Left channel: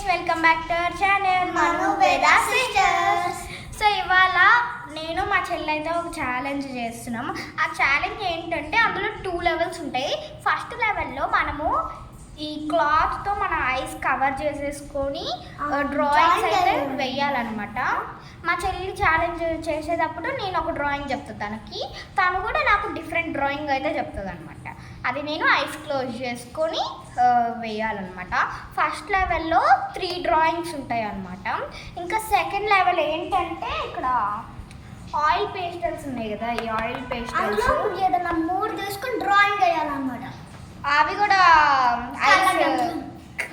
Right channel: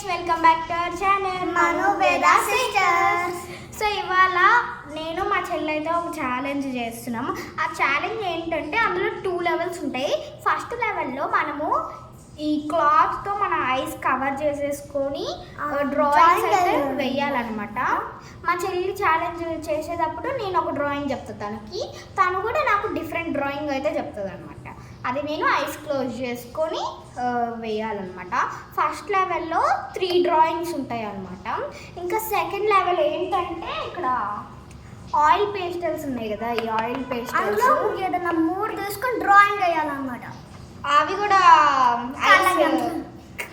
Friends, welcome back to our channel Manu Veda sisters. So ఇవాళ నేను మా చెల్లి అయితే ఒక ఛాలెంజ్ చేస్తున్నాము. ఆ ఛాలెంజ్ ఏంటంటే అందులో 2 లెవెల్స్ ఉంటాయి. ఫస్ట్ లెవెల్లో మనము ఈ క్లాత్తో మన ఐస్ కవర్ చేసేసుకొని డ్రాయింగ్స్ అయితే వేయాలన్నమాట. మా చెల్లి ఛాలెంజ్ చేసేటప్పుడు నేను ఒక డ్రాయింగ్ చెప్తాను తను కూడా నాకు డిఫరెంట్ డ్రాయింగ్ అయితే చెప్తుంది అనమాట. అది నేను ఐస్ క్లోజ్ చేసుకొని వేయాలన్నమాట. ఫస్ట్ లెవెల్లో 3 డ్రాయింగ్స్ ఉంటాయి అన్నమాట. ఇంకా సెకండ్ లెవెల్ ఏంటంటే ఇక్కడ ఆయిల్ పేస్టల్స్ ఉన్నాయి కదా, ఈ ఆయిల్ పేస్టల్స్ ఏదైనా 3 తీసుకొని డ్రాయింగ్ వేయాలన్నమాట. అవి కూడా ఐస్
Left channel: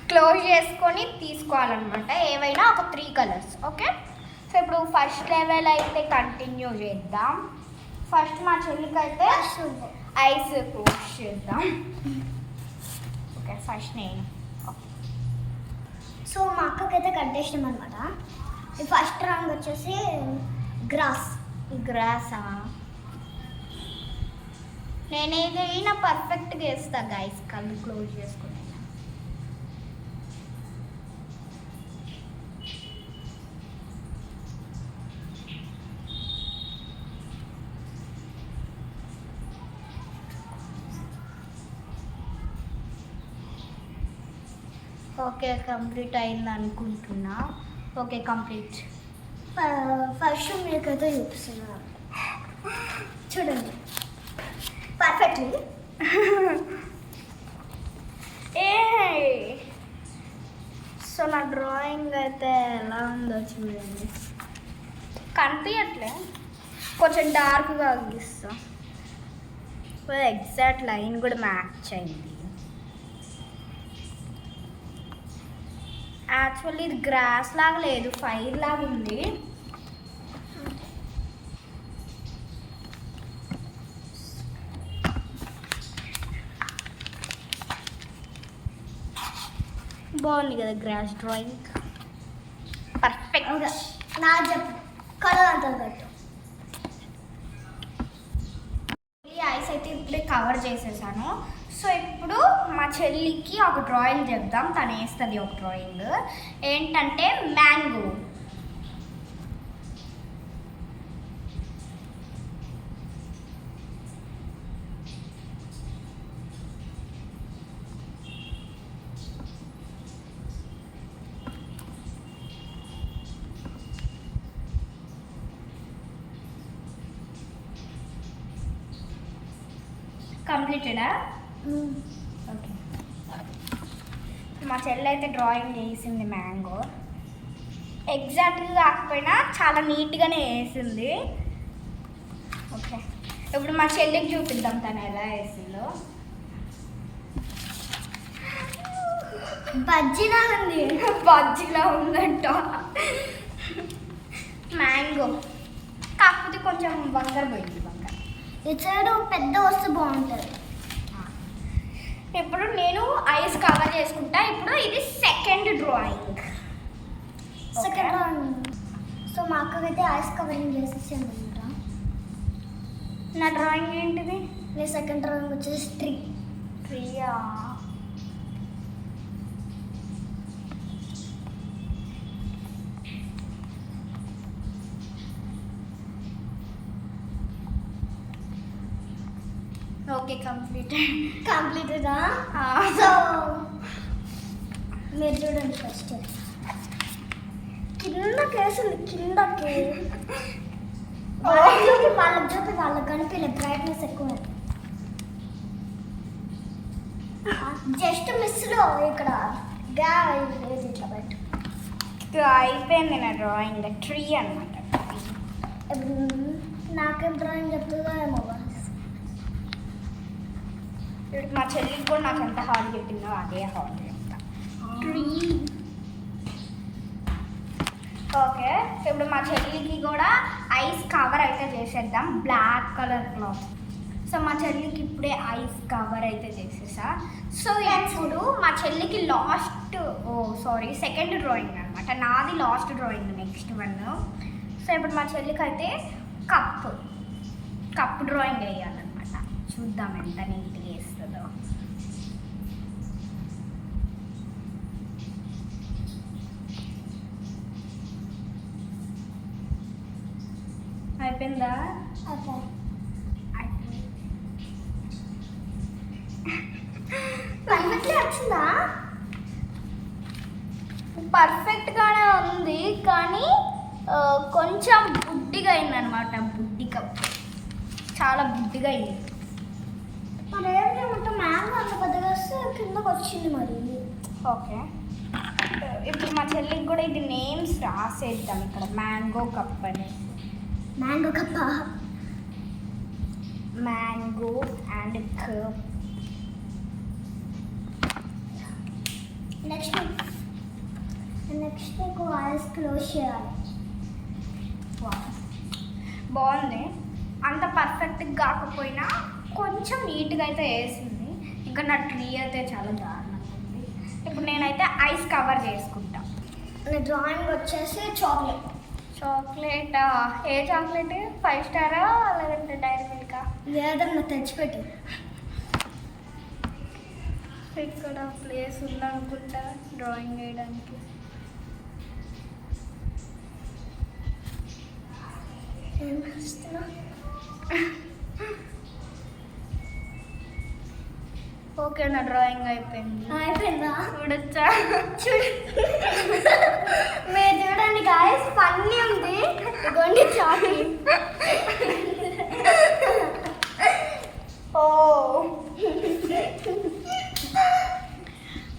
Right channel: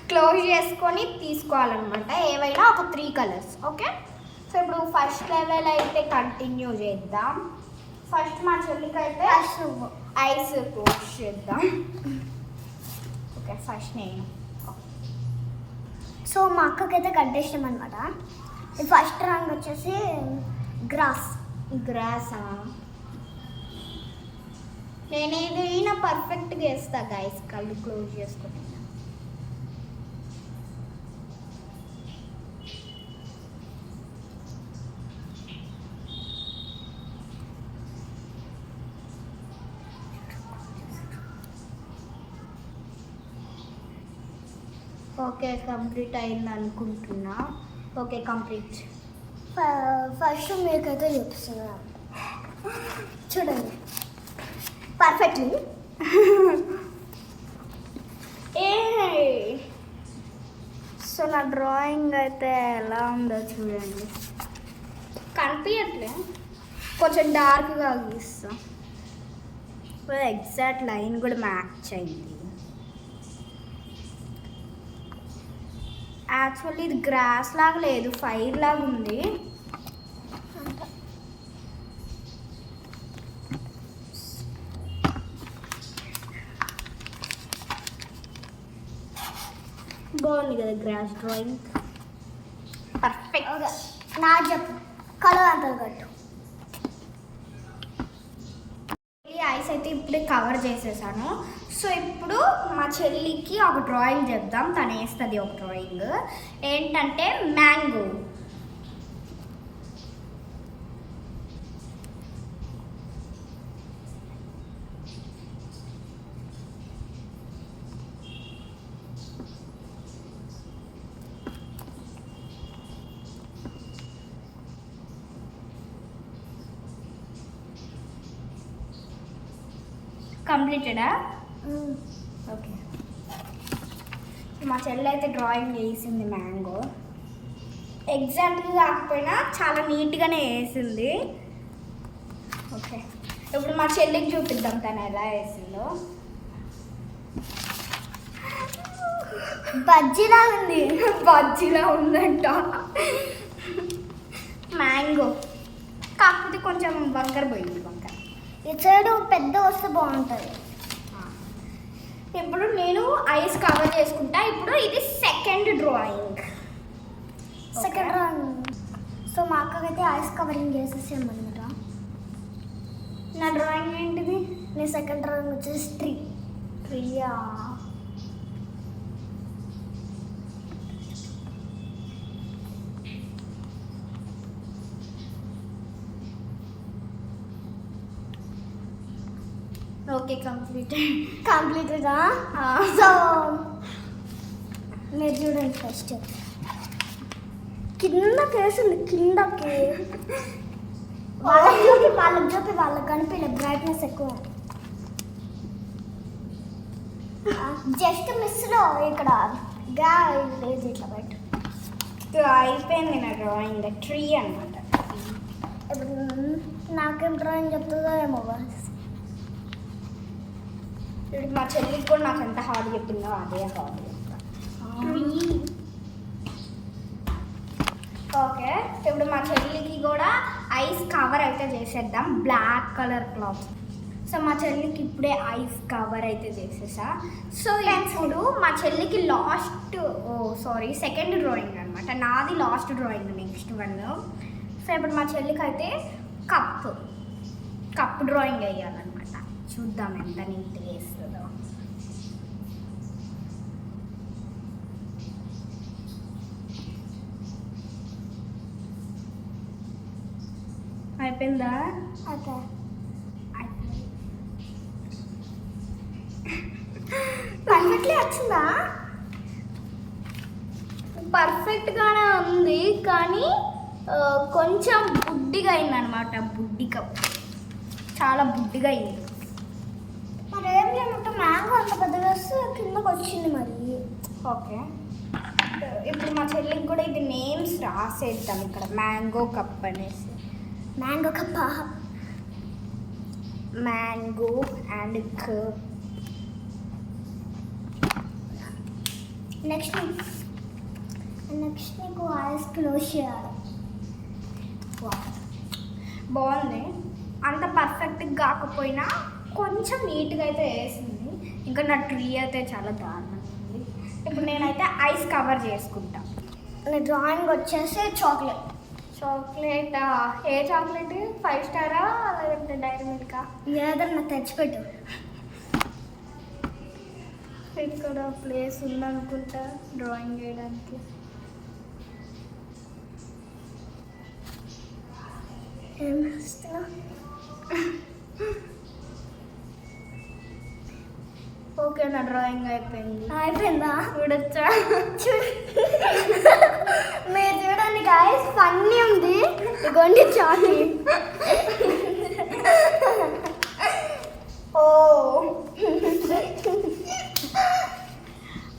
క్లోజ్ చేసుకొని తీసుకోవాలన్నమాట. ఏవైనా ఒక 3 కలర్స్. ఓకే, సో ఇప్పుడు ఫస్ట్ లెవెల్ అయితే కంటిన్యూ చేద్దాం. ఫస్ట్ మా చెల్లికి అయితే ఐస్ క్లోజ్ చేద్దాం. ఓకే, ఫస్ట్ నేను. సో మా అక్కకైతే కట్టేసినాం అనమాట. ఫస్ట్ రంగు వచ్చేసి గ్రాసా. నేను ఏదైనా పర్ఫెక్ట్గా వేస్తా గైస్, కళ్ళు క్లోజ్ చేసుకుని. ఓకే, కంప్లీట్ అయింది అనుకుంటున్నా. Okay, complete. ఫస్ట్ మీకైతే చూపిస్తున్నాను, చూడండి పర్ఫెక్ట్లీ. సో నా డ్రాయింగ్ అయితే ఎలా ఉందో చూడండి. కనిపించట్లే, కొంచెం డార్క్గా గీస్తా. ఎగ్జాక్ట్ లైన్ కూడా మ్యాచ్ అయింది. యాక్చువల్లీ ఇది గ్రాస్ లాగా లేదు, ఫైర్ లాగా ఉంది. బాగుంది కదా గ్రాస్ డ్రాయింగ్, పర్ఫెక్ట్. నా చెప్పు కలర్ అంతా కట్టు. ఐస్ అయితే ఇప్పుడే కవర్ చేసేసాను. సో ఇప్పుడు మా చెల్లికి ఒక డ్రాయింగ్ చెప్దాం. తను వేస్తుంది ఒక డ్రాయింగ్. ఏంటంటే మ్యాంగో. కంప్లీటెడా? ఓకే, మా చెల్లి అయితే డ్రాయింగ్ వేసింది మ్యాంగో. ఎగ్జాక్ట్గా కాకపోయినా చాలా నీట్గానే వేసింది. ఓకే, ఇప్పుడు మా చెల్లికి చూపిద్దాం తను ఎలా వేసిందో. బజ్జీలా ఉంది. బజ్జీలా ఉందంట మ్యాంగో, కాకపోతే కొంచెం వంకర పోయింది. వంకర ఈ సైడ్ పెద్ద వస్తే బాగుంటుంది. ఇప్పుడు నేను ఐస్ కవర్ చేసుకుంటా. ఇప్పుడు ఇది సెకండ్ డ్రాయింగ్. సో మా అక్కకైతే ఐస్ కవరింగ్ చేసేసామన్నమాట. నా డ్రాయింగ్ ఏంటిది? నీ సెకండ్ డ్రాయింగ్ వచ్చేసి ట్రీయా? ఓకే, కంప్లీటెడా? సో మీరు చూడండి, ఫస్ట్ కిందకి వేసింది. కిందకి వాళ్ళకి చూపి వాళ్ళకి కనిపించలే, బ్రైట్నెస్ ఎక్కువ. జస్ట్ మిస్లో ఇక్కడ లేదు, ఇట్లా బయట అయిపోయింది నా డ్రాయింగ్. ట్రీ అనమాట. నాకేం డ్రాయింగ్ చెప్తుందో ఏమో. ఇప్పుడు మా చెల్లికి కూడా నాకు ఎంత హార్డ్ చెప్పిందో అదే హార్డ్ చెప్తా. ఓకే, ఇప్పుడు మా చెల్లికి కూడా ఐస్ కవర్ అయితే చేసేద్దాం. Black colour cloth. సో మా చెల్లికి ఇప్పుడే ఐస్ కవర్ అయితే చేసేసా. సో ఇప్పుడు మా చెల్లికి సెకండ్ డ్రాయింగ్ అనమాట. నాది last drawing, next one. So ఇప్పుడు మా చెల్లికి అయితే కప్ డ్రాయింగ్ వేయాలన్నమాట. చూద్దాం ఎంత నీట్గా వేస్తుందో. అయిపోయిందా? ఓకే. పర్ఫెక్ట్లీ వచ్చిందా? పర్ఫెక్ట్గానే ఉంది కానీ కొంచెం బుడ్డిగా అయిందనమాట. బుడ్డి కప్ చాలా బుడ్డిగా అయింది. మరి ఏం చేయమంటే మ్యాంగో అంత పెద్దగా వస్తే కిందకు వచ్చింది మరి. ఓకే, ఇప్పుడు మా చెల్లికి కూడా ఇది నేమ్స్ రాసేద్దాం ఇక్కడ. మ్యాంగో కప్ అనేసి. మ్యాంగో కప్ప. Mango and cup. నెక్స్ట్ నీకు ఐస్ క్లోజ్ చేయాలి. బాగుంది. అంత పర్ఫెక్ట్గా కాకపోయినా కొంచెం నీట్గా అయితే వేసింది. ఇంకా నా ట్రీ అయితే చాలా దారుణంగా ఉంది. ఇప్పుడు నేనైతే ఐస్ కవర్ చేసుకుంటా. నా డ్రాయింగ్ వచ్చేసి చాక్లెట్. చాక్లెటా? ఏ చాక్లెట్? 5 స్టారా లేదంటే డైరీ మిల్కా? ఏదన్నా తెచ్చిపెట్టు. ఇక్కడ ప్లేస్ ఉందనుకుంటా డ్రాయింగ్ వేయడానికి. ఓకే, నా డ్రాయింగ్ అయిపోయింది. అయిపోయిందా? చూడొచ్చా? మీరు చూడండి గాయస్, ఫన్నీ ఉంది. ఇగోండి చాక్లెట్. ఓ,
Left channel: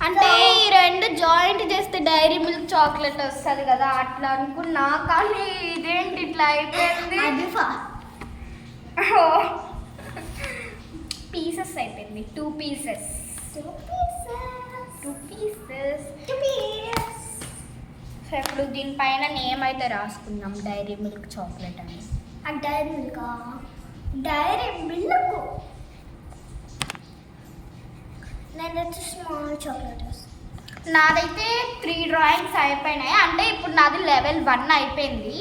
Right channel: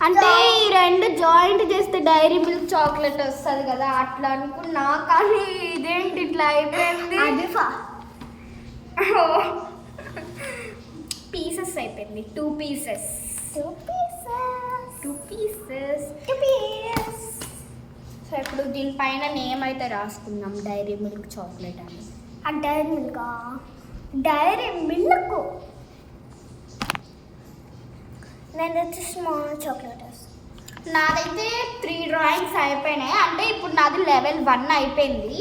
అంటే ఈ రెండు జాయింట్ చేస్తే డైరీ మిల్క్ చాక్లెట్ వస్తుంది కదా, అట్లా అనుకున్నా. కానీ ఇదేంటి ఇట్లా అయిపోయింది? పీసెస్ అయిపోయింది. 2 పీసెస్. సో ఇప్పుడు దీనిపైన నేమ్ అయితే రాసుకుందాం, డైరీ మిల్క్ చాక్లెట్ అని. Dairy Milk. Dairy Milk. నేను వచ్చి స్మాల్ చాక్లెట్. నాదైతే 3 డ్రాయింగ్స్ అయిపోయినాయి. అంటే ఇప్పుడు నాది లెవెల్ 1 అయిపోయింది.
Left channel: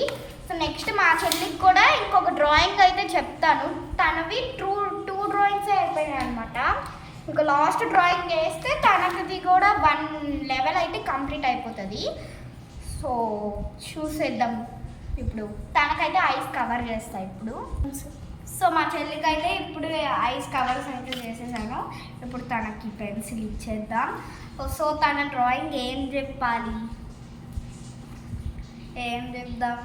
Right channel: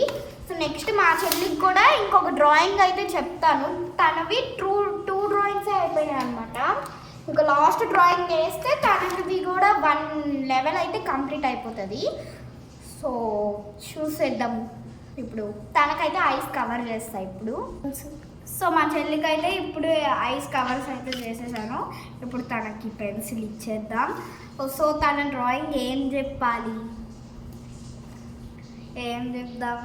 సో నెక్స్ట్ మా చెల్లికి కూడా ఇంకొక డ్రాయింగ్ అయితే చెప్తాను. తనవి 2 డ్రాయింగ్సే అయిపోయినాయి అనమాట. ఇంకా లాస్ట్ డ్రాయింగ్ వేస్తే తనది కూడా 1 లెవెల్ అయితే కంప్లీట్ అయిపోతుంది. సో చూసేద్దాం. ఇప్పుడు తనకైతే ఐస్ కవర్ చేస్తా ఇప్పుడు. సో మా చెల్లికి అయితే ఇప్పుడు ఐస్ కవర్స్ అయితే చేసేసాను. ఇప్పుడు తనకి పెన్సిల్ ఇచ్చేద్దాం. సో తన డ్రాయింగ్ ఏం చెప్పాలి, ఏం చెప్దాం?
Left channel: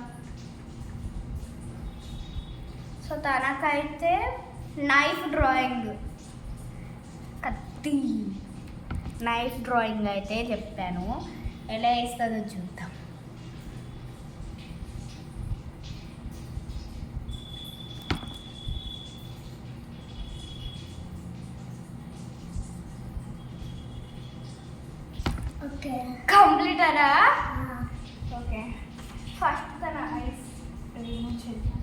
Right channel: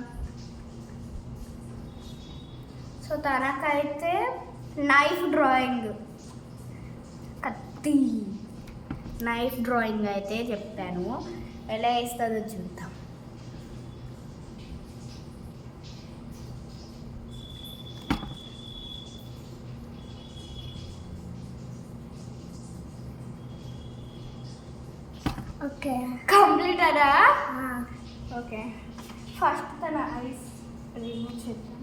సో తనకైతే నైఫ్ డ్రాయింగ్, కత్తి నైఫ్ డ్రాయింగ్ అయితే చెప్పాను. ఎలా వేస్తుందో చూద్దాం. ఓకే, కంప్లీట్ అరా? ఓకే, ఫస్ట్ తన ఐస్ రిమూవ్ చేద్దాం.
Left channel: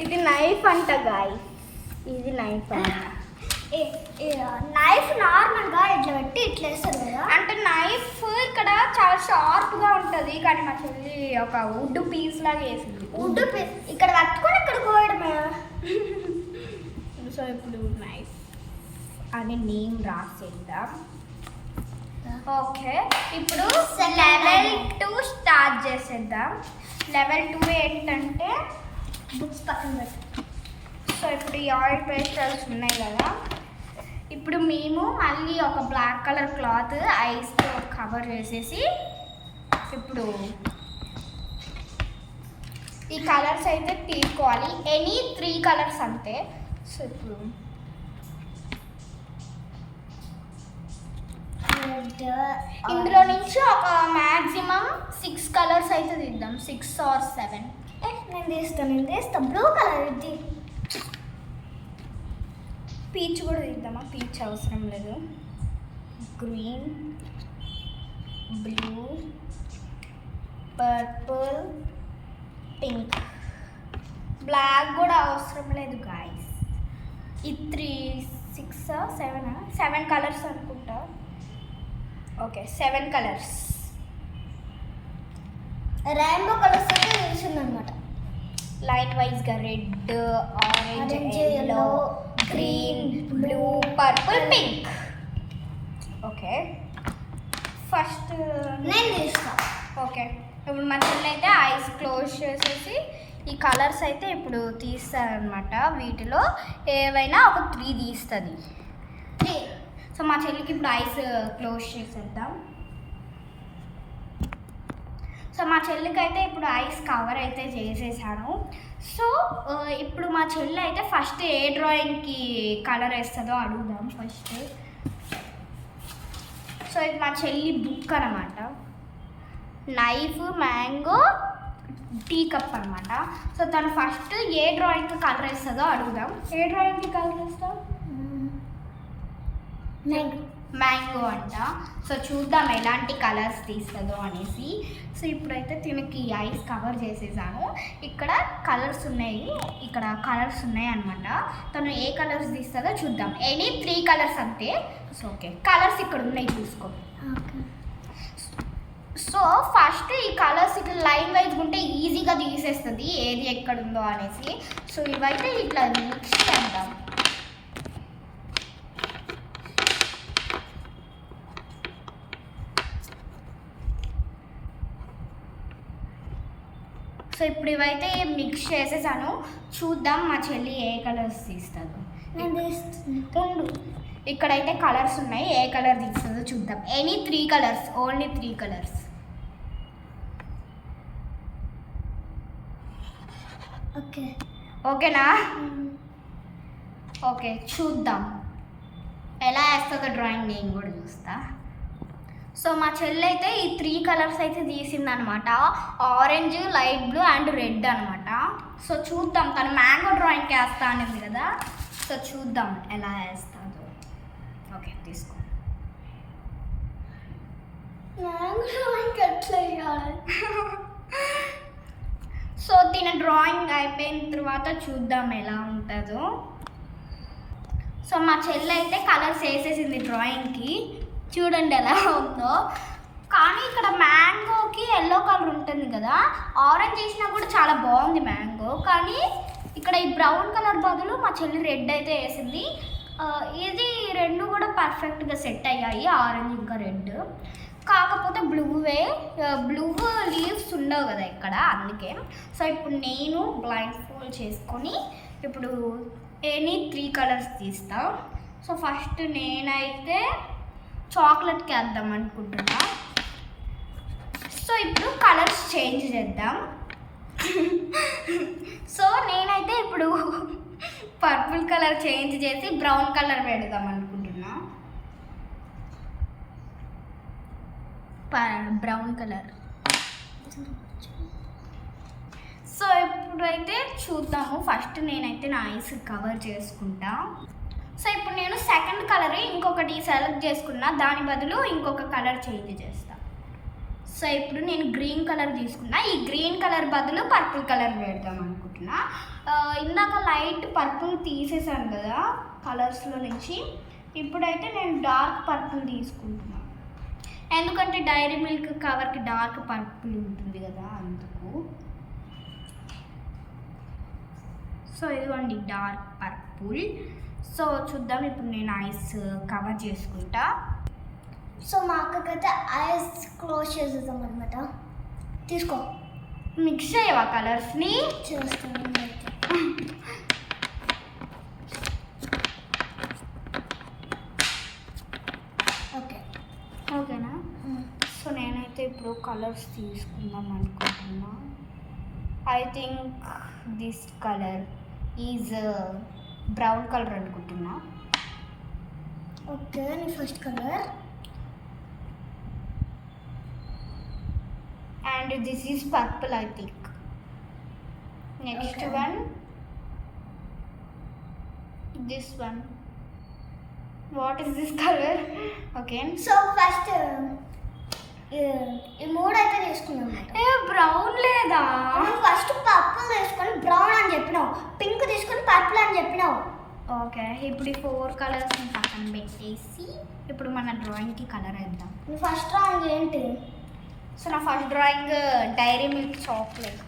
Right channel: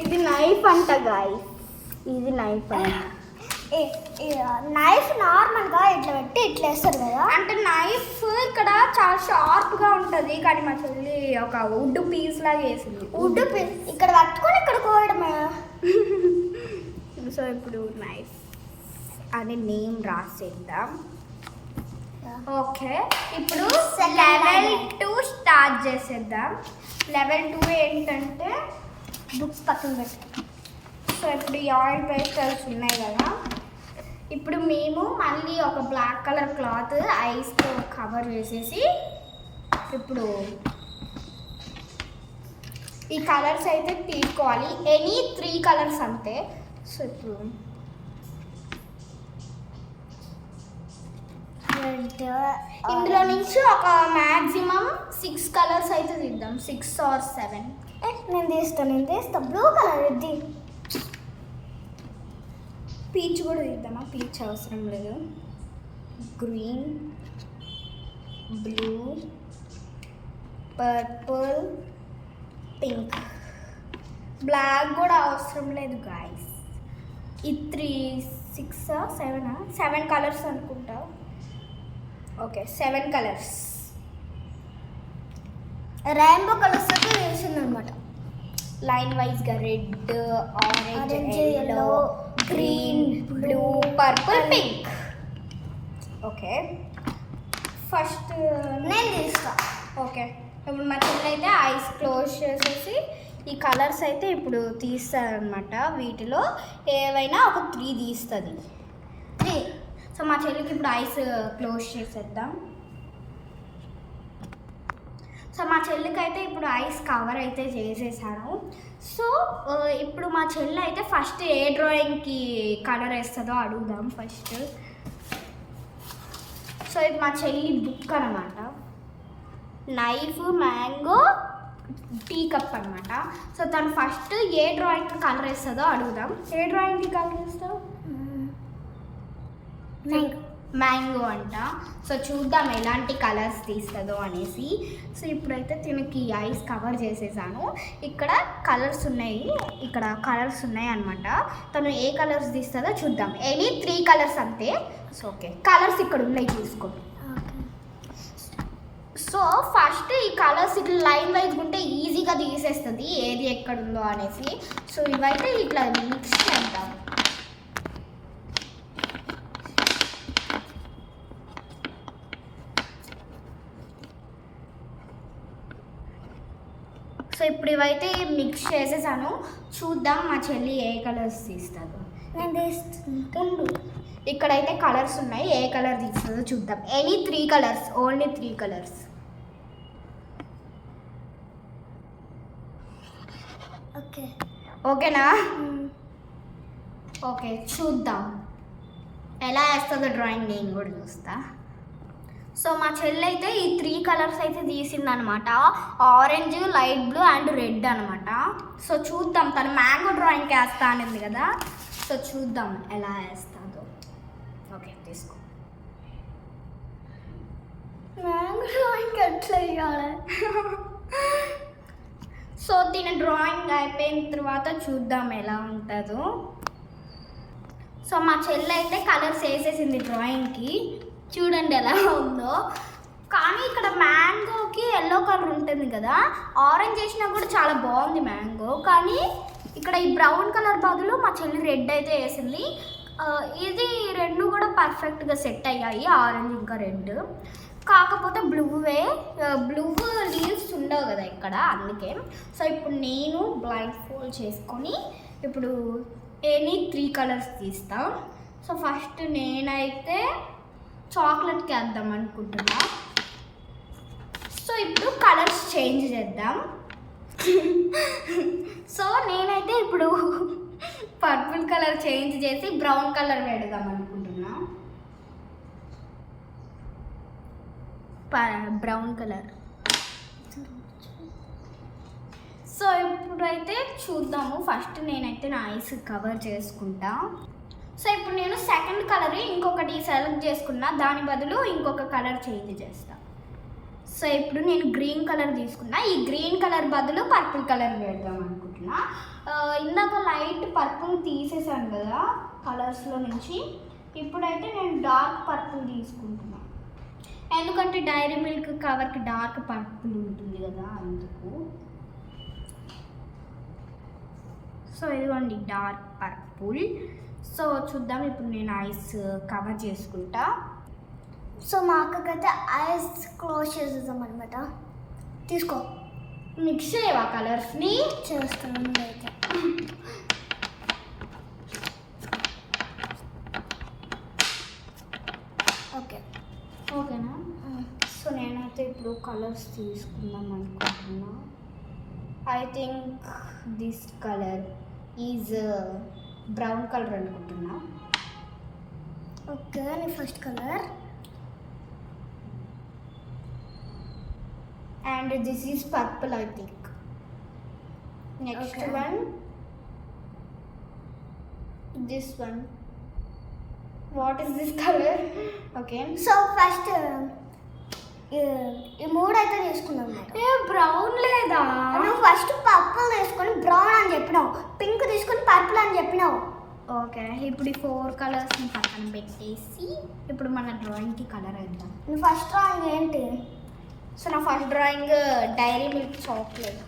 ఇది నైఫ్ అంట గాయ్స్, ఇది నైఫ్ అంట. నైఫ్ నార్మల్గా ఇట్లా పెట్టి ఇట్లా వేస్తారు కదా. అంటే నైఫ్ ఇక్కడ చాలా షార్ప్గా ఉంటుంది, కానీ మా చెల్లి ఒక వుడ్ పీస్ లాగా వేసింది. వుడ్ పీస్ ఇక్కడ కట్టుకొని ఇక్కడ కోయడమే. సో ఇప్పుడు నైఫ్ అని నేమ్ రాసేద్దాం. ఓకే, ఇప్పుడు లెవెల్ 2 స్టార్ట్ చేసేద్దాం. లెవెల్ 2 ఏంటంటే బుక్స్ పక్కన పెట్టి. సో ఇప్పుడు ఈ ఆయిల్ పేస్టల్స్ ఉన్నాయి కదా, ఇప్పుడు మేము మళ్ళీ ఒక బ్లాక్ కలర్ క్లాత్ ఐస్తో కవర్ చేసేసి ఇప్పుడు ఈ కలర్స్ అయితే తీసుకోవాలి. ఎనీ 3 కలర్స్ అంతే. సో ఇప్పుడు ఇందులో నుంచి ఒక మ్యాక్సిమం 6 కలర్స్ అయితే తీద్దాం. 6 or 7. నేను తీస్తా. బ్లూ కలర్ ఇది. పీచ్ కూడా తీద్దామా? పీచ్ అవసరం లేదు. Green, blue, purple, pink. Black కూడా అవసరం లేదు గాయస్. ఈ 3, 6, 7 కలర్స్ అనుకుంటా. Okay, 7 colours. రెయిన్బో కలర్స్ అయితే వేసింది అనమాట. లైన్ వైజ్గా red, orange, Orange, yellow, yellow, green, green, blue, blue, purple, pink. Okay, first నేను తీస్తా. ఓకే, ఇప్పుడు మా చెల్లి అయితే ఐస్ క్లోజ్ చేసేసి ఈ కలర్స్ అయితే ఇప్పుడు తీస్తారనమాట. వీటిలో ఏవైనా ఒక 3 తీస్తుంది. సో మా చెల్లికి ఇప్పుడు ఐస్ క్లోజ్ చేసేద్దాం. సో మా చెల్లికి అయితే ఇప్పుడు ఐస్ కవర్ అయితే చేసేసాను. సో ఇప్పుడు మా చెల్లి అయితే ఫస్ట్ ఏ డ్రాయింగ్కి కలర్ వేస్తుందో అడుగుదాం ఫస్ట్. సో ఇది మా చెల్లి బుక్ అనమాట. నైఫ్, మ్యాంగో, టీ కప్ అనమాట. సో తను ఫస్ట్ ఏ డ్రాయింగ్కి కలర్ వేస్తుందో అడుగుదాం. ఏ డ్రాయింగ్కి కలర్ వేస్తావు? మ్యాంగో అంట. సో చూద్దాం ఎలాంటి కలర్స్ తీస్తుందో అనేసి. సో ఇప్పుడైతే తినకి ఐస్ కవర్ చేసేసాను. ఇక్కడ కలర్స్ ఉన్నాయి అనమాట. తను ఏ కలర్స్ తీస్తుందో చూద్దాం. ఎనీ 3 కలర్స్ అంతే. సో ఓకే, కలర్స్ ఇక్కడ ఉన్నాయి చూసుకో. సో ఫస్ట్ ఈ కలర్స్ ఇట్లా లైన్ వైజ్గా ఉంటే ఈజీగా తీసేస్తుంది ఏది ఎక్కడుందో అనేసి. సో ఇవైతే ఇట్లా మిక్స్ చేద్దాం. సో ఇప్పుడు ఇవైతే మిక్స్ చేసేసాను. చూద్దాం మా చెల్లి ఏ కలర్స్ తీస్తుందో. ఉండు, ఇక్కడైతే కలర్స్ ఉన్నాయి. ఏ కలర్ తీస్తుందో చూద్దాం. Any 3 colours, only 3 colours. ఓకేనా? ఓకే, చూద్దాం ఎలా వేస్తుందో డ్రాయింగ్. నేను కూడా చూస్తా. సో మా చెల్లి అయితే ఈ 3 కలర్స్ అయితే తీసిందనమాట. Orange, light blue and red అనమాట. సో చూద్దాం, తను మ్యాంగో డ్రాయింగ్కి వేస్తా అనేది కదా. సో చూద్దాం ఎలా వేస్తుందో. ఓకే, తీసుకో. మ్యాంగో డ్రాయింగ్ ఎట్లా వేయాలి? సో తిన డ్రాయింగ్ అయిపోయిన తర్వాత చూద్దాం ఎలా ఉంటుందో. సో మా చెల్లి అయితే కలర్స్ వేసేసింది డ్రాయింగ్కి. చూడండి ఎలా ఉందో. కానీ ఇక్కడ మ్యాంగోకి ఎల్లో కలర్ ఉంటుంది కదా, ఆరెంజ్ వేసినా కూడా చాలా బాగుంది మ్యాంగో. కానీ ఇక్కడ ఈ బ్రౌన్ కలర్ బదులు మా చెల్లి రెడ్ అయితే వేసింది. ఇది 2 కూడా పర్ఫెక్ట్గా సెట్ అయ్యాయి, ఆరెంజ్ ఇంకా రెడ్. కాకపోతే బ్లూ లీవ్స్ ఉండవు కదా ఇక్కడ, అందుకే. సో ఇప్పుడు నేను బ్లైండ్ ఫోల్డ్ చేసుకొని ఇప్పుడు ఎనీ 3 కలర్స్ తీస్తా. సో ఫస్ట్ నేనైతే చాక్లెట్కి వేద్దాం అనుకుంటున్నా. సో ఇప్పుడు కలర్స్ చేంజ్ చేద్దాం. సో నేనైతే ఇప్పుడు పర్పుల్ కలర్ చేంజ్ చేసి బ్రౌన్ కలర్ పెడదాం అనుకుంటున్నా. Brown colour. సో ఇప్పుడైతే చూద్దాము. ఫస్ట్ నేనైతే నా ఐస్ కవర్ చేసుకుంటా. సో ఇప్పుడు నేను సెకండ్ కలర్ ఇంకొకటి సెలెక్ట్ చేసుకున్నా, దాని బదులు ఇంకొక కలర్ చేంజ్ చేస్తా. సో ఇప్పుడు నేను గ్రీన్ కలర్ తీసుకున్నా. ఈ గ్రీన్ కలర్ బదులు పర్పుల్ కలర్ పెడదాం అనుకుంటున్నా. ఇందాక లైట్ పర్పుల్ తీసేసాను కదా కలర్స్లో నుంచి. ఇప్పుడైతే నేను డార్క్ పర్పుల్ తీసుకుంటున్నా, ఎందుకంటే డైరీ మిల్క్ కవర్కి డార్క్ పర్పుల్ ఉంటుంది కదా, అందుకు. సో ఇదిగోండి డార్క్ పర్పుల్. సో చూద్దాం, ఇప్పుడు నేను ఐస్ కవర్ చేసుకుంటా. సో మా అక్కకైతే ఐస్ క్లోజ్ చేసేద్దాం అనమాట. తీసుకో, మిక్స్ చేయవా కలర్స్ని? చేస్తాను అయితే. ఓకే, ఓకేనా? సో నేనైతే ఇప్పుడు కలర్స్ తీసుకుందాం అనుకుంటున్నా. I think this colour is brown colour అనుకుంటున్నా. ఓకే, నీ first colour. And this is purple, I think. Next Okay. one, this one. What is this color? Okay. So first ఈ 3 అయితే తీసుకున్నాం అన్నమాట. బ్రౌన్ లేదా? నువ్వు ఫస్ట్ పర్పుల్ తీసుకొని brown అని చెప్పినావు, పింక్ తీసుకొని పర్పుల్ అని చెప్పినావు. ఓకే, ఇప్పుడు ఈ 4 కలర్స్ని పక్కన పెట్టేసి ఇప్పుడు మన డ్రాయింగ్కి కలర్ వేద్దాం. నీ ఫస్ట్ డ్రాయింగ్ ఏంటి? సో నా first drawing Dairy Milk chocolate.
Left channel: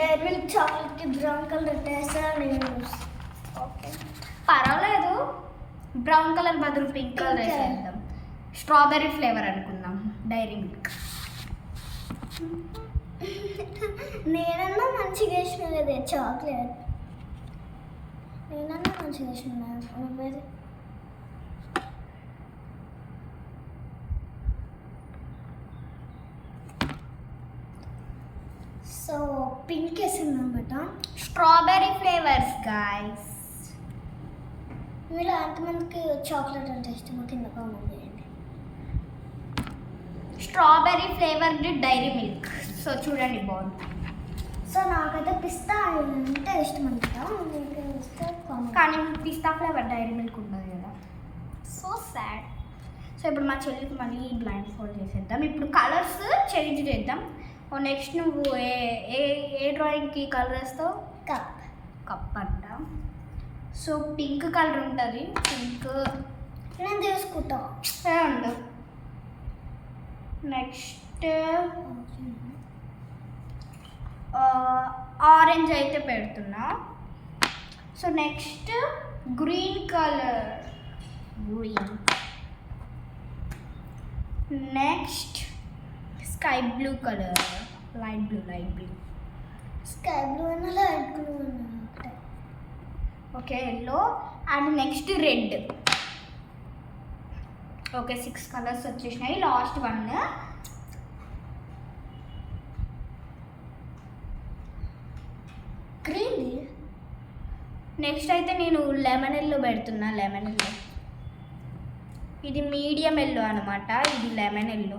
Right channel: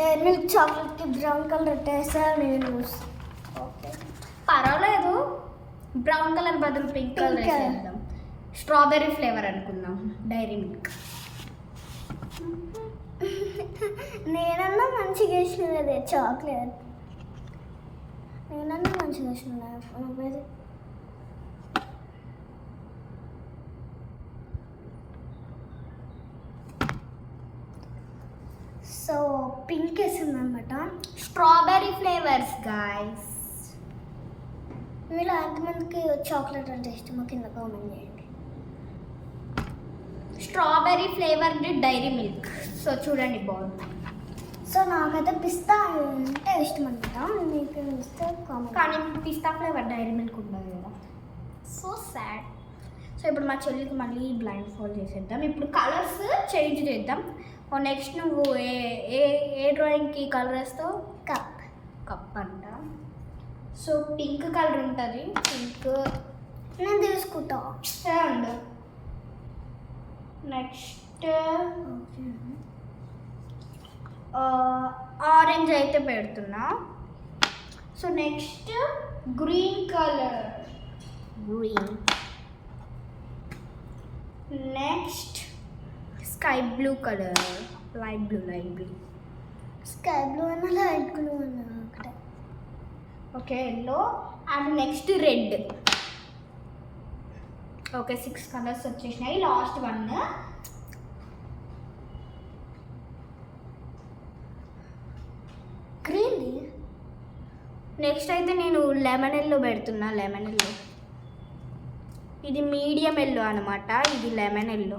Dairy Milk చాక్లెట్కి బ్రౌన్ కలర్ వేస్తాను నేను. ఓకే, పర్వాలేదు. బ్రౌన్ కలర్ బదులు పింక్ కలర్ వేసేద్దాం. స్ట్రాబెర్రీ ఫ్లేవర్ అనుకుందాం, డైరీ మిల్క్. నేనన్నా మంచిగా వేసిన కదా చాక్లెట్. నేనన్నా మంచిగా వేసిన నువ్వేది. సో పింక్ వేసింది అనమాట. Strawberry flavours guys. మీలో ఎంతమందికి చాక్లెట్ అంటే ఇష్టమో కింద కామెంట్ చేయండి. Strawberry flavoured Dairy Milk. So చూడండి బాగుంది. సో నాకైతే పిస్తా అంటే ఇష్టం అనమాట. మీకు ఇస్తే కామెంట్. కానీ పిస్తా ఫ్లేవర్ డైరీ మిల్క్ ఉండదు కదా. So sad. సో ఇప్పుడు మా చెల్లికి మళ్ళీ బ్లైండ్ ఫోల్డ్ చేసేద్దాం. ఇప్పుడు కలర్స్ చేంజ్ చేద్దాం. నెక్స్ట్ నువ్వు ఏ ఏ ఏ డ్రాయింగ్కి కలర్ వేస్తావు? కప్. కప్ అంట. సో పింక్ కలర్ ఉంటుంది. పింక్ నేను తీసుకుంటా. ఉండు. నెక్స్ట్ ఆరెంజ్ అయితే పెడుతున్నా. So next green colour. Green. Next sky blue colour. Light blue. Sky blue అన్నా లైట్ బ్లూ అన్నా ఒకటే. Okay yellow. And next red. Okay 6 colours వచ్చేసినాయి. Last one green. నెక్స్ట్ అయితే నేను లెమన్ ఎల్లో పెడుతున్నా. Lemon yellow. ఇది మీడియం ఎల్లో అనమాట. ఇది lemon yellow.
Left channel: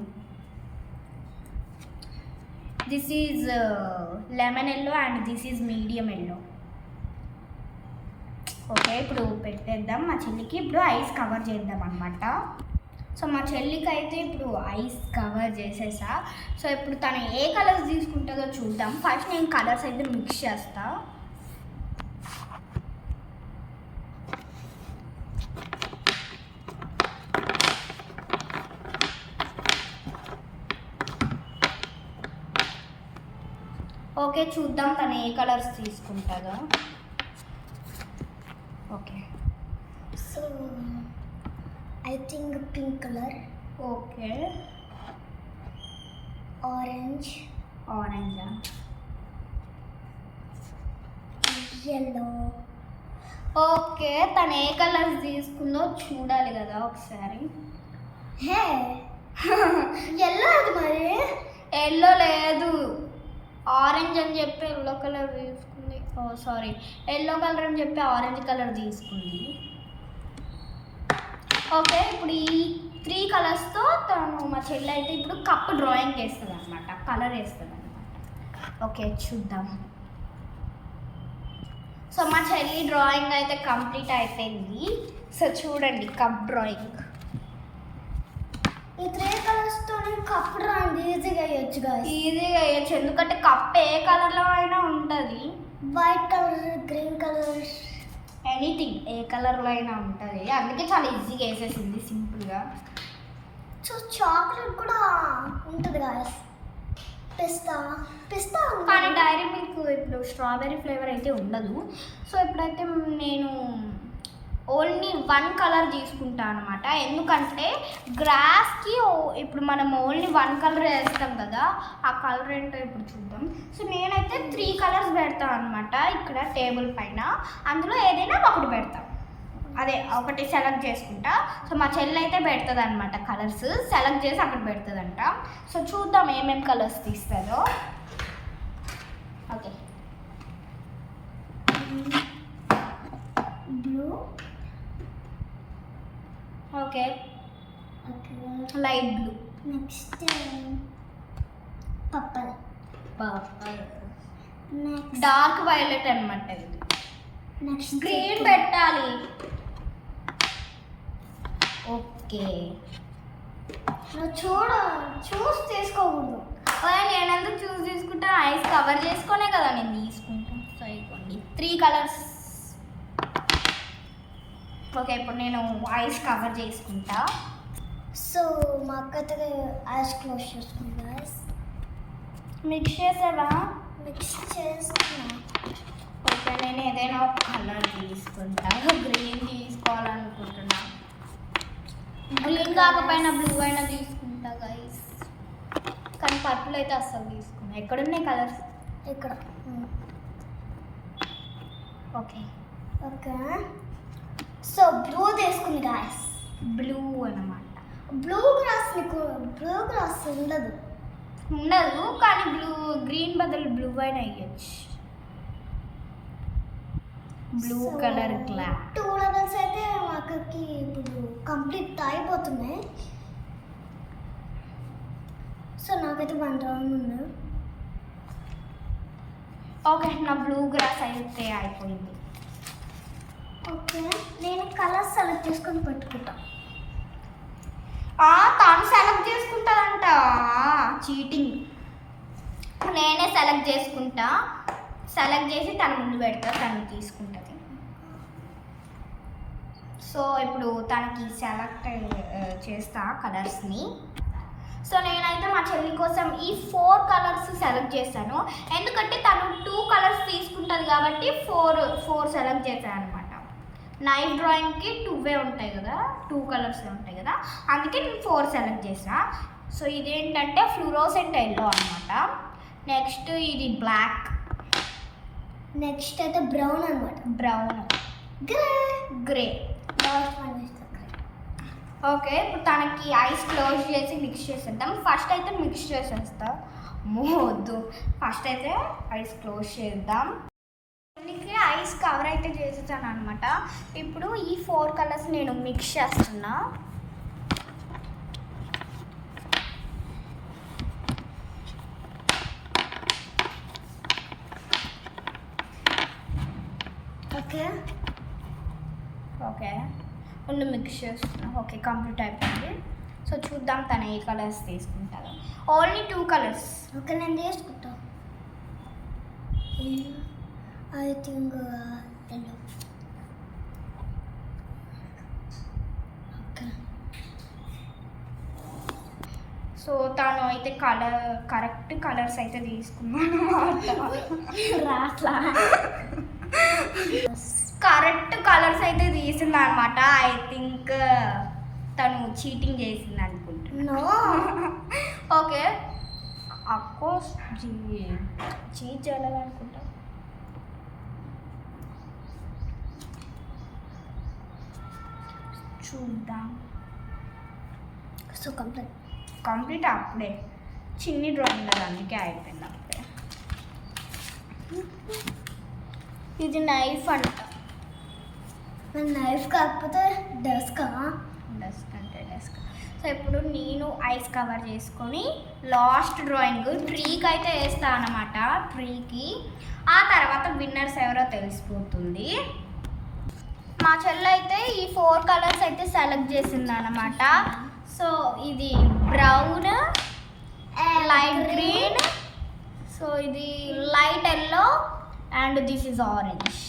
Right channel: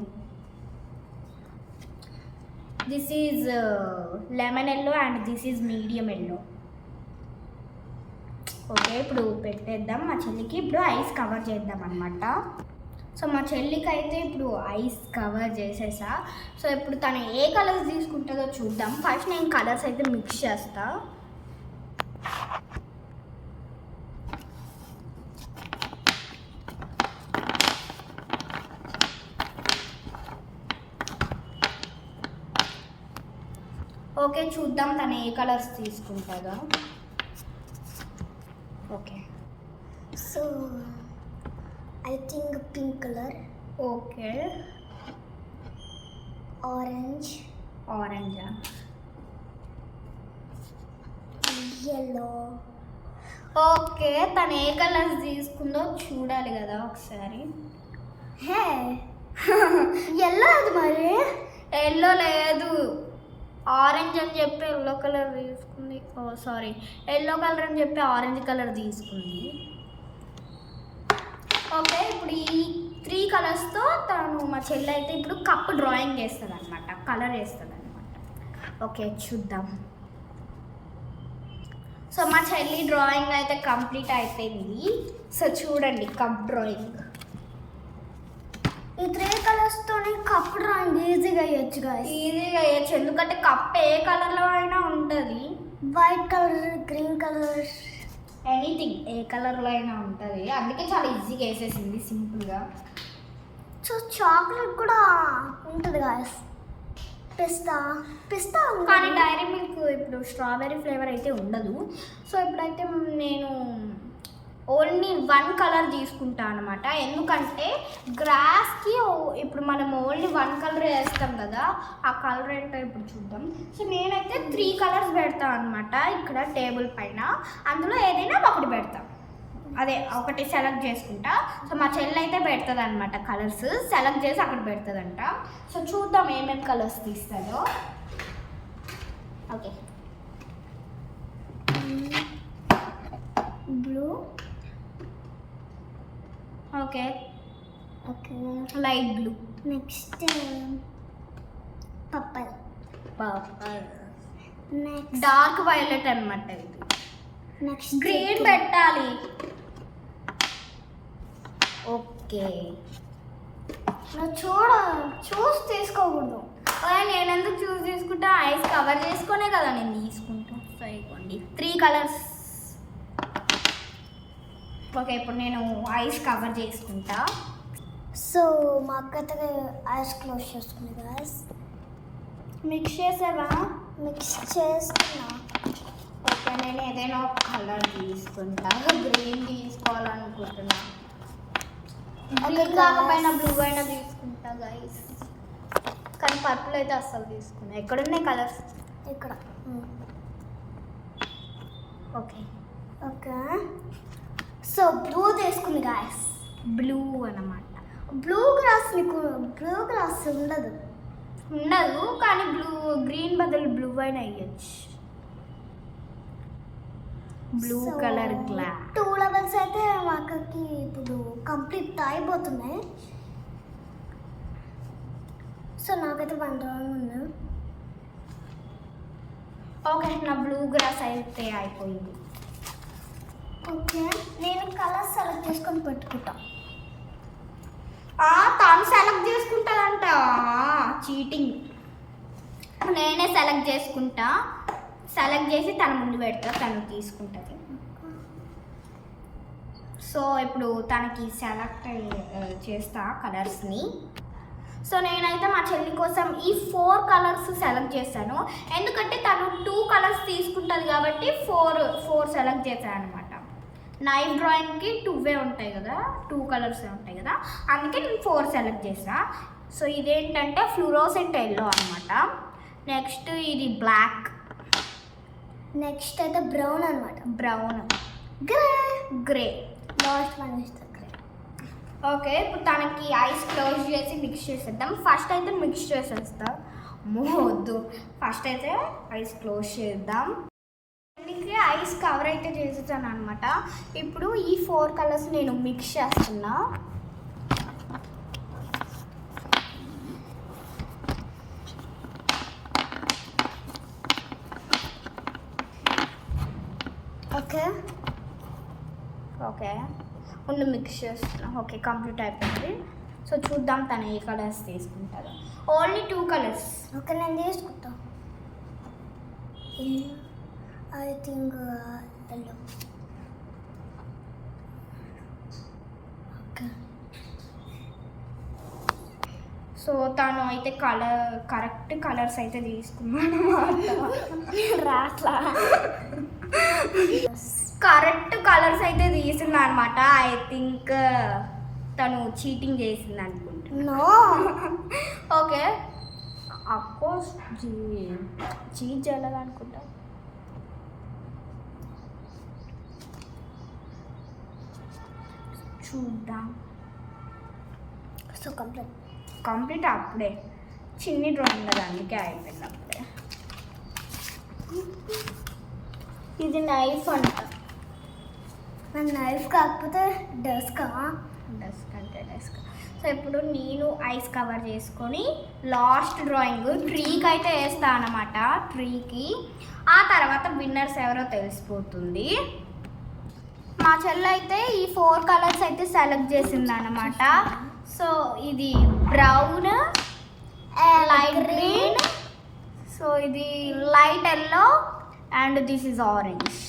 This is lemon yellow and this is medium yellow. Okay ఇప్పుడు పెట్టేద్దాం మా చెల్లికి. ఇప్పుడు ఐస్ కవర్ చేద్దాం అనమాట. సో మా చెల్లికి అయితే ఇప్పుడు ఐస్ కవర్ చేసేసా. సో ఇప్పుడు తను ఏ కలర్స్ తీసుకుంటుందో చూద్దాం. ఫస్ట్ నేను కలర్స్ అయితే మిక్స్ చేస్తా. ఓకే చూద్దాం తను ఏ కలర్స్ తీసుకుంటుందో. Okay so I think pink colour. Okay orange. ఆరెంజా? ఎల్లో. ఓకే తను ఏ కలర్స్ తీసుకుందో చూడాలి కదా ఒకసారి. హే ఎల్లో అది మరి. ఎల్లో లేదు, ఆరెంజ్ అని చెప్పి ఎల్లో కలర్ తీసుకుంది. ఓ సారీ, ఎల్లో కలర్ అని చెప్పి ఆరెంజ్ కలర్ తీసుకుంది. ఓకే ఇప్పుడు ఈ 3 కలర్స్తో తను మా చెల్లి అయితే ఇప్పుడు కప్ డ్రాయింగ్ వేస్తుంది అనమాట. కలర్ వేస్తుంది అనమాట. ఓకే చూద్దాం. సో మా చెల్లి డ్రాయింగ్ అయితే కంప్లీట్ అయిపోయింది. సో చూడండి కప్ డ్రాయింగ్. ఈ 3 కలర్స్తోనే కప్ డ్రాయింగ్ ఈజీగా వేయచ్చు గాయస్. ఈజీగా వేయచ్చు ఎందుకంటే కప్ ఏ కలర్లో అయినా ఉంటుంది. White colour, green colour, anything ఏ కలర్లో అయినా ఉంటుంది. అందుకే చాలా ఈజీగా వేసేసింది సింపుల్గా. సో చాక్లెట్ కూడా ఉంటుంది గాయస్. పిస్తా పిస్తా కానీ డైరీ మిల్క్ ఇప్పుడు స్ట్రాబెర్రీ ఫ్లేవర్ అయితే ఉండదు. సో ఇప్పుడైతే నేను ఓన్లీ 1 కలర్ తీసుకుంటా అనమాట. ఎందుకంటే గ్రాస్కి ఇప్పుడు మనం ఓన్లీ 1 కలర్ వేస్తాం కదా, ఆ కలర్ ఏంటో ఇప్పుడు చూద్దాం. సో నేనైతే 3 కలర్స్ పెడతాను అనమాట ఇక్కడ టేబుల్ పైన. అందులో ఏదైనా ఒకటి పెడతాం. అదే ఒకటి సెలెక్ట్ చేసుకుంటా. సో మా చెల్లి అయితే పెడుతుంది అనమాట కలర్స్ సెలెక్ట్ చేసి అక్కడ పెడుతుందంట. సో చూద్దాం ఏమేమి కలర్స్ తీస్తుందో. Okay blue. Okay okay light blue. Next purple. Purple. Next dark violet అనమాట. ఇది నెక్స్ట్ గ్రీన్ పెట్టాలి. ఓకే నువ్వు చూసి తీసుకోకూడదు. నేను ఎందుకు చూస్ తీసుకుంటా? ఐస్ కవర్ చేసుకునే కదా నేను తీసుకుంటా. సో ఇవ్వండి 3 కలర్స్. ఓకే ఇప్పుడు నేను ఐస్ కవర్ చేసుకుంటా. సో మా అక్కతో ఐస్ క్లోజ్ చేసుకున్నా గాయస్. మిక్స్ చేసావా? మిక్స్ చేసుకున్నా. ఓకే నేను ఏదైనా ఒక కలర్ తీసుకుంటా. గ్రీన్ తీసుకోవాలనుకుంటున్నా. గ్రీన్ కాకపోయినా బ్లూ అయినా తీసుకుంటా గైస్, కానీ పర్పుల్ అయితే అస్సలు తీసుకున్నా. ఎక్కడున్నాయి కలర్స్? ఇక్కడ. ఓకే ఓకే, సో బ్లూ తీసుకుంది గాయస్. బ్లూ అన్నమాట. బ్లూ గ్రాస్ మీకు బ్లూ గ్రాస్ ఉండదు, కానీ గ్రీన్ బదులు బ్లూ అయినా వేయచ్చు. Blue colour glass. 2 లెవెల్స్ అయితే మాకకి ఇప్పుడు కంప్లీట్ అయిపోతున్నాయి. సో నాకైతే 1 రౌండ్ ఉంది. ఓకే, నా బ్లూ గ్రాస్ అయితే అయిపోయింది. ఓకే, నేను కలర్ సెలెక్ట్ చేసుకొని పెట్టుకుంటా. తాను సెలెక్ట్ చేసుకుంటుందంట, చీటింగ్. నేనే సెలెక్ట్ చేసుకుంటా, సెలెక్ట్ చేసి తన ముందు పెడతా, తను తీసుకుంటుంది. సో ఇప్పుడు తనకి సెలెక్ట్ చేస్తా కలర్స్ని. సో నేనైతే మా చెల్లి కోసం ఈ 4 కలర్స్ సెలెక్ట్ చేశాను, ఎందుకంటే తను 2 కలర్స్ తీసుకుంటుంది కాబట్టి 4 సెలెక్ట్ చేశాను అనమాట. నైఫ్ డ్రాయింగ్కి 2 ఉంటాయి కదా, 2 కలర్స్ ఉంటాయి కదా, అందుకే నేను 4 సెలెక్ట్ చేసా. సో ఇదేంటంటే ఫ్లూరోసెంట్ ఎల్లో అనమాట. నెక్స్ట్ ఇది బ్లాక్. నెక్స్ట్ అయితే బ్రౌన్ అనమాట. Brown, grey. Last one is the grey. Okay, ఇప్పుడు తనకి ఐస్ క్లోజ్ చేసి మిక్స్ చేసేద్దాం. ఫస్ట్ అయితే మిక్స్ చేసేస్తా. వద్దు, ఫస్ట్ అయితే ఐస్ క్లోజ్ చేద్దాం. దీనికి ఐస్ కవర్ అయితే చేసేసాను అనమాట. ఇప్పుడు ఈ 4 కలర్స్ నేను మిక్స్ చేస్తున్నా. ఓకే ఓకే, ముందు మిక్స్ చేస్తున్నా. ఓకే, కంప్లీట్ అయిపోయింది. సో చూద్దాం తను ఏ కలర్స్ తీసుకుంటారో. Only 2 colours. ఓకే, నేను తీసుకుంటా. I think yellow. Okay, so తను అయితే కరెక్ట్ కలర్స్ అయితే తీసుకున్నాను. రాట్లా. కరెక్ట్ కలర్స్ అయితే తీసింది అనమాట. ఐ థింక్ తను చీటింగ్ చేసింది అనుకుంటున్నా. నో. ఓకే, అఫ్కోర్స్ చీట్ చేయాలనుకుంటా. చూద్దాం. సో కంప్లీట్ అప్పుడే, చిన్ని డ్రాయింగ్ కదా, అందుకే అయిపోయింది అప్పుడే. ఇది నైఫ్ అంట. నైఫ్ కాకపోతే డస్కా. డస్క్ అంటే డస్క్. సో ఇప్పుడు నేను ఐస్ కవర్ చేసుకొని లాస్ట్ డ్రాయింగ్ ట్రీకి అయితే వేస్తాను అన్నమాట. ట్రీకి ఆ తర్వాత విన్నర్స్ ఎవరో తెలిసిపోతుంది. మా చెల్లి అయితే ఈ 4 కలర్స్ అయితే సెలెక్ట్ చేసింది అన్నమాట. సో ఇది బ్రౌన్, లైట్ గ్రీన్, సో ఇది light yellow and this is orange.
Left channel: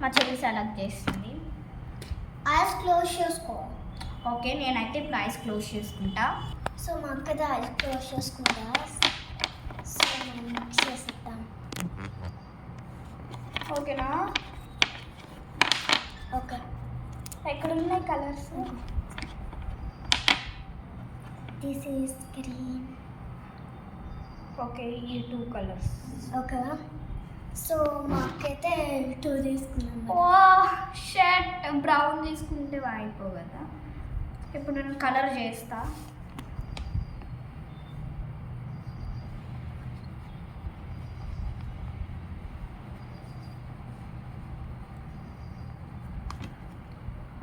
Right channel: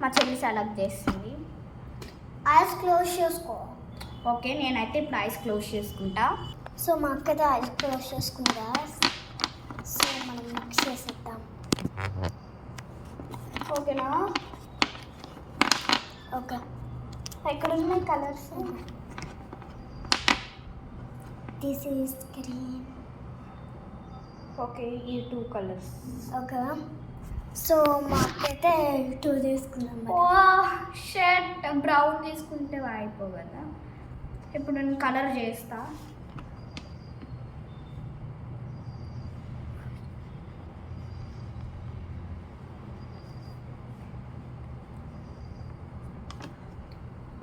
మా చెల్లి సెలెక్ట్ చేసింది. ఐస్ క్లోజ్ చేసుకో. ఓకే, నేనైతే ఇప్పుడు ఐస్ క్లోజ్ చేసుకుంటా. సో మా అక్కతో ఐస్ క్లోజ్ చేసుకుంటా. సో మనం మిక్స్ చేసేద్దాం. ఓకేనా? ఓకే, ఎక్కడ ఉన్నాయి colours? This is green. Okay, ఈ 2 కలర్స్. ఓకే, సో మా అక్కైతే 2 తీసుకున్నాం. ఓ షర్ట్ బ్రౌన్ తీసుకుంటే అయిపో కదా. ఇప్పుడు నేను కలర్ చేస్తా.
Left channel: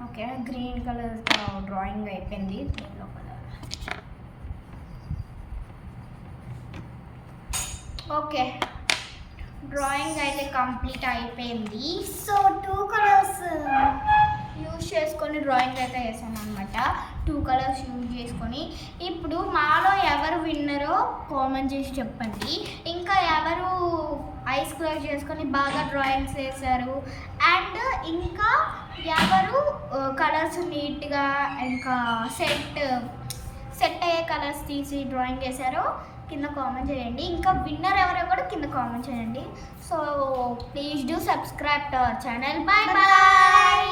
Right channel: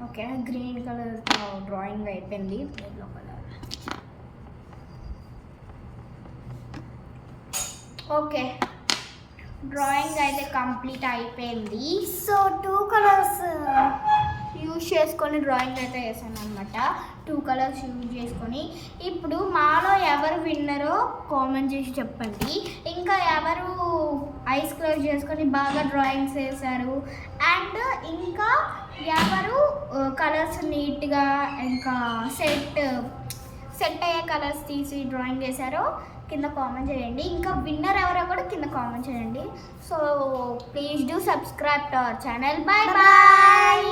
ఓకే, గ్రీన్ కలర్ డ్రాయింగ్ అయిపోయింది. Yellow colour. ఓకే, డ్రాయింగ్ అయితే కంప్లీట్ అయిపోయింది. సో 2 కలర్స్ యూజ్ చేసుకొని డ్రాయింగ్ అయితే వేసాను అనమాట. 2 కలర్స్ యూజ్ చేసుకొని ఇప్పుడు మాలో ఎవరు విన్నరో కామెంట్ చేసి చెప్పండి. ఇంకా ఎవరు ఐస్ క్లోజ్ చేసుకొని బాగా డ్రాయింగ్స్ వేశారు అండ్ ఇంకా ఎవరు కలర్స్ నీట్గా ఇంకా సెట్ అయ్యే కలర్స్ తీసి డ్రాయింగ్ వేశారో కింద కామెంట్ చేయండి. ఇంకా విన్నర్ ఎవరో కూడా కింద కామెంట్ చేయండి. So please do subscribe to our channel. Bye bye.